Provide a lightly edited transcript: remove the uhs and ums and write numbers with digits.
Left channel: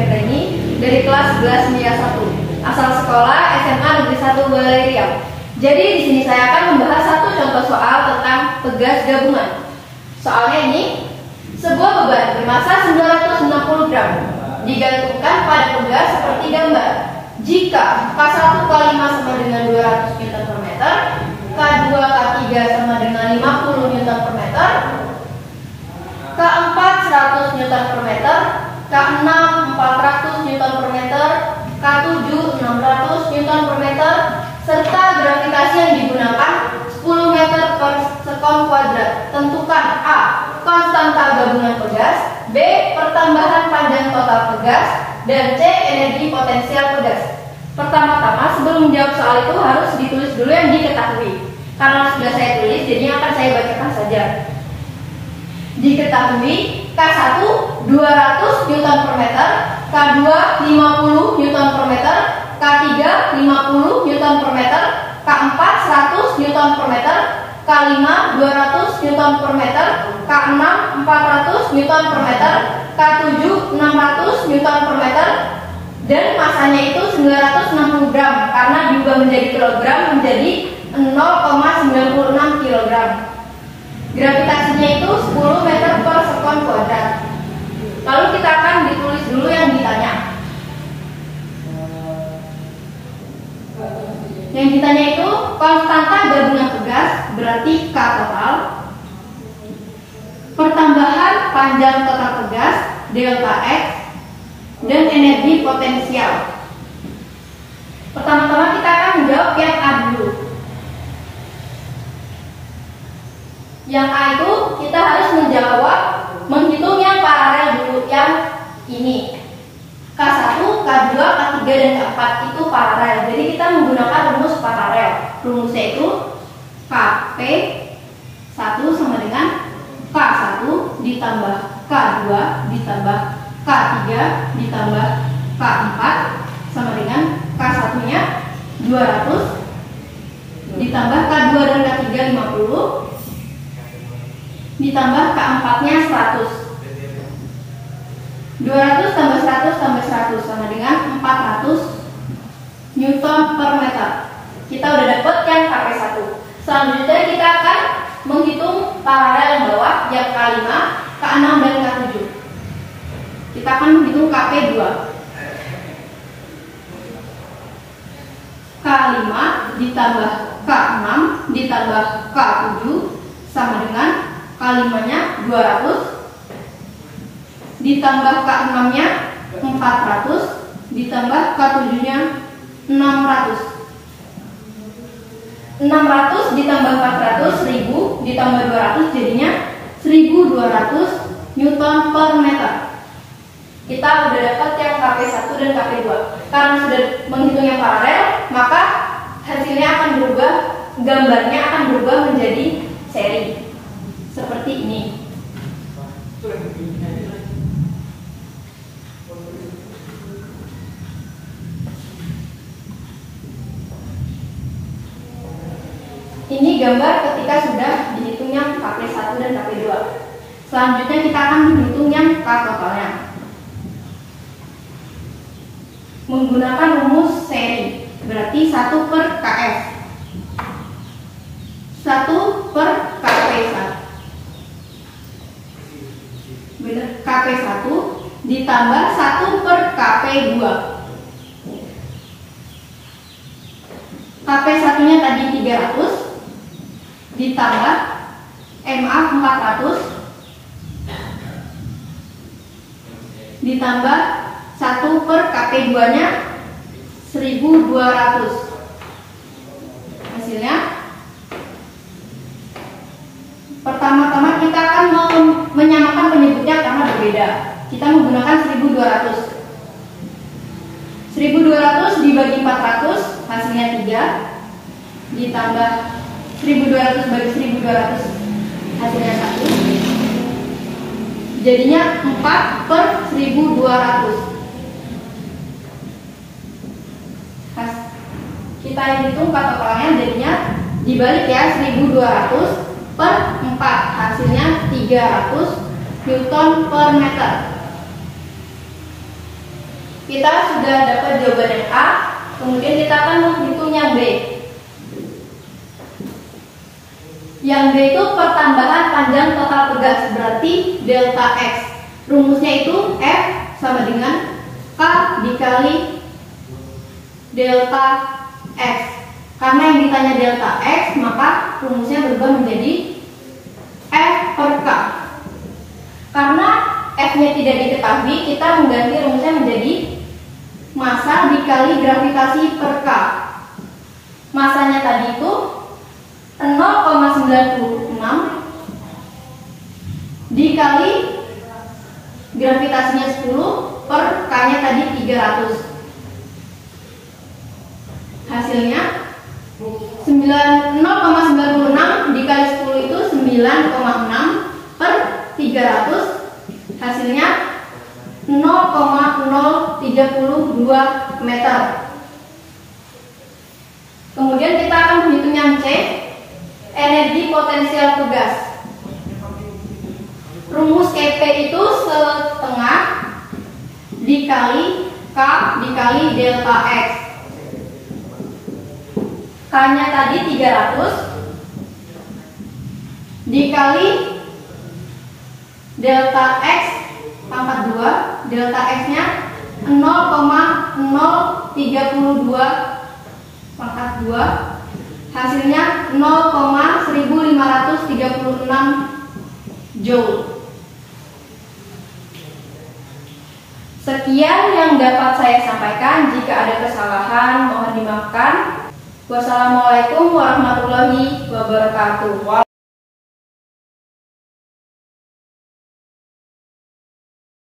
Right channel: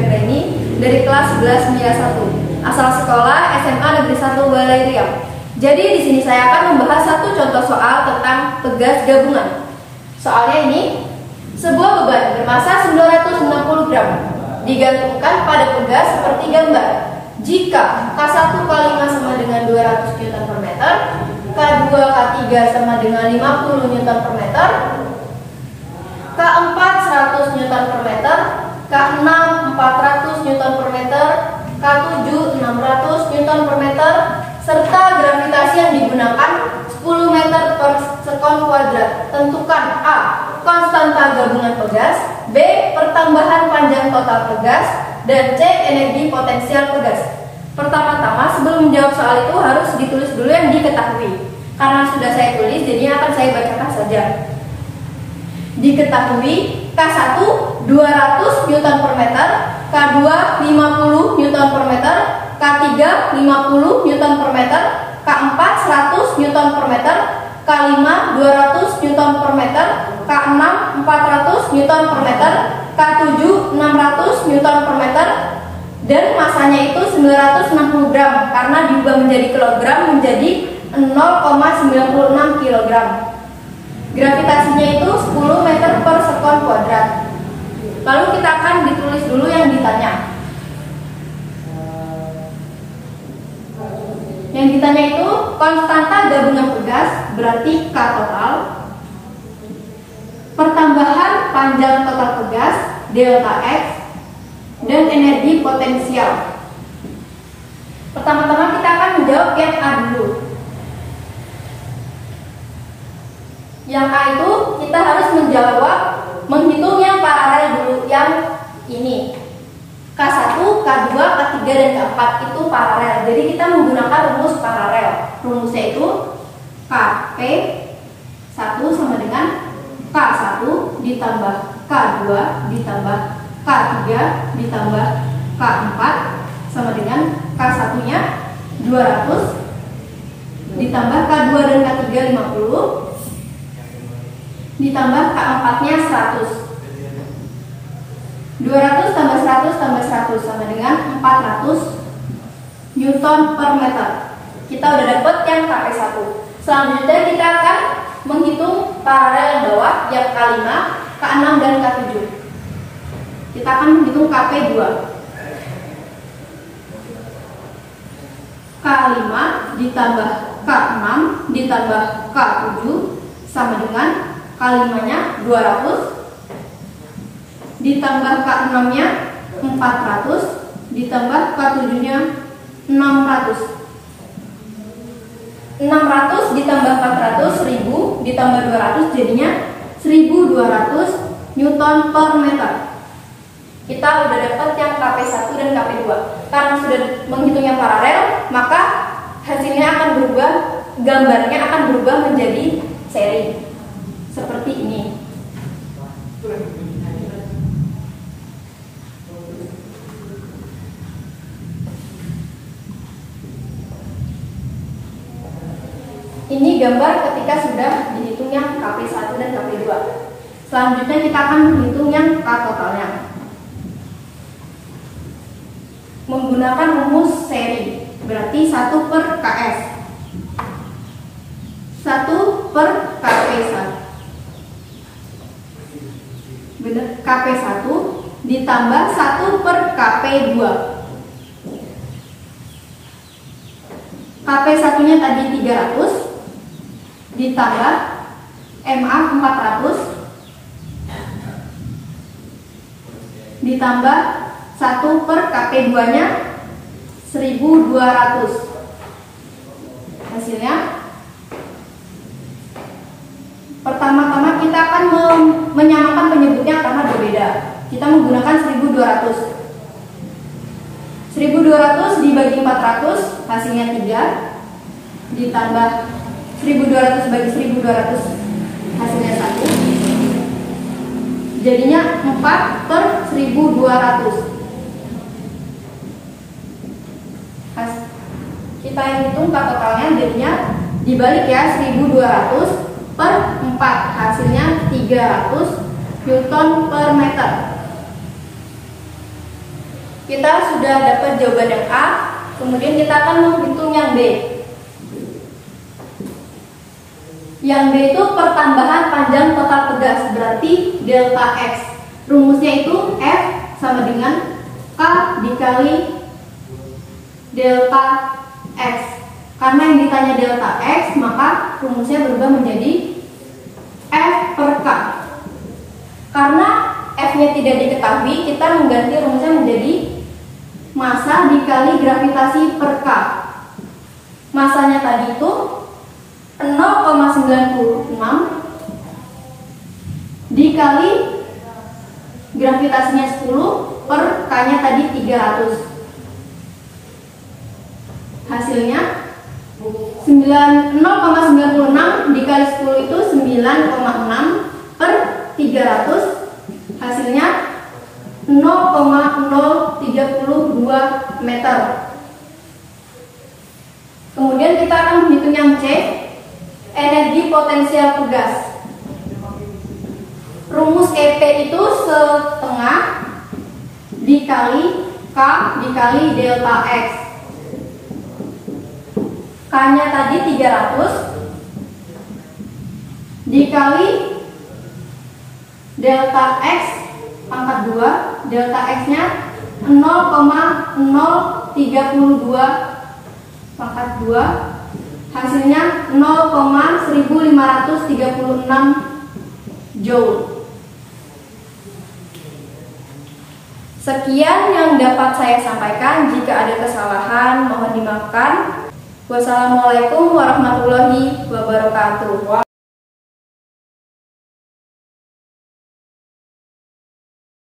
Fiangreni dari kelas 11 Media 1, asal sekolah SMA Negeri 1 Balai Riau. Jadi di sini saya akan membahas satu contoh soal tentang pegas gabungan. Soalnya ini, sebuah beban bermasa 960 gram digantungkan pada pegas seperti gambar. Jika K1 K5 sama dengan 200 Newton per meter, K2 K3 sama dengan 50 Newton per meter, K4 100 Newton per meter, K6 400 Newton per meter, K7 600 Newton per meter, serta gravitasi yang digunakan 10 meter per sekon kuadrat. Tentukan A. Konstanta gabungan pegas, B. Pertambahan panjang total pegas, dan C. Energi potensial pegas. Pertama-tama sebelum menjawab soal itu harus ditulis dulu yang diketahui. Karena sudah saya tulis, jadinya akan saya bacakan saja. Diketahui K1 200 Newton per meter, K2 50 Newton per meter, K3 50 Newton per meter, K4 100 Newton per meter, K5 200 Newton per meter, K6 400 Newton per meter, K7 600 Newton per meter, dan masanya itu 960 gram karena diubah menjadi kilogram menjadi 0,96 kg. Gravitasinya itu 10 meter per sekon kuadrat. Lalu kita akan ditulis dulu yang ditanya. Yang ditanya itu konstanta gabungan pegas berarti K total, pertambahan panjang total pegas delta X, dan energi potensial. Pertama-tama kita akan menjawab yang A dulu. Yang A itu kita harus menghitung yang paralel dulu, yang ini. K1, K2, K3, dan K4 itu paralel. Jadi kita menggunakan rumus paralel. Rumusnya itu Kp 1 sama dengan K1 ditambah K2 ditambah K3 ditambah K4 sama dengan K1 nya 200 ditambah K2 dan K3 50 ditambah K4 nya 100. 200 tambah 100 tambah 100 sama dengan 400 Newton per meter. Kita udah dapat yang Kp1. Selanjutnya kita akan menghitung paralel yang bawah, yang K5, K6, dan K7. Kita akan menghitung Kp2. K5 ditambah K6 ditambah K7 sama dengan K5 nya 200 ditambah K6 nya 400 ditambah K7 nya 600. 600 ditambah 400 1000 ditambah 200 jadinya 1200 Newton per meter. Kita udah dapat yang Kp1 dan Kp2. Karena sudah menghitung yang paralel, maka hasilnya akan berubah, gambarnya akan berubah menjadi seri seperti ini. Ini gambar ketika sudah dihitung yang Kp1 dan Kp2. Selanjutnya kita akan menghitung yang K totalnya menggunakan rumus seri, berarti 1 per Ks 1 per Kp1 benar, Kp1 ditambah 1 per Kp2. Kp1 nya tadi 300 ditambah MA 400 ditambah 1 per Kp2 nya 1200. Hasilnya pertama-tama kita akan menyamakan penyebutnya karena berbeda. Kita menggunakan 1200. 1200 dibagi 400 hasilnya 3 ditambah 1200 bagi 1200 hasilnya 1 jadinya 4 per 1200. Kita hitung K totalnya jadinya dibalik ya, 1200 per 4 hasilnya 300 Newton per meter. kita sudah dapat jawaban yang A, kemudian kita akan menghitung yang B. Yang B itu pertambahan panjang total pegas, berarti delta X. Rumusnya itu F sama dengan K dikali delta X. Karena yang ditanya delta X, maka rumusnya berubah menjadi F per K. Karena F-nya tidak diketahui, kita mengganti rumusnya menjadi massa dikali gravitasi per K. Masanya tadi itu 0,96 dikali gravitasinya 10 per K-nya tadi 300. Hasilnya 0,96 dikali 10 itu 9,6 per 300. Hasilnya 0,032 meter. Kemudian kita akan menghitung yang C, energi potensial pegas. Rumus EP itu setengah dikali K dikali delta X. K-nya tadi 300 dikali delta X pangkat 2, delta X-nya 0,032 pangkat 2, hasilnya 0,1536 Joule. Sekian yang dapat saya sampaikan. Jika ada kesalahan mohon dimaafkan. Wassalamualaikum warahmatullahi wabarakatuh.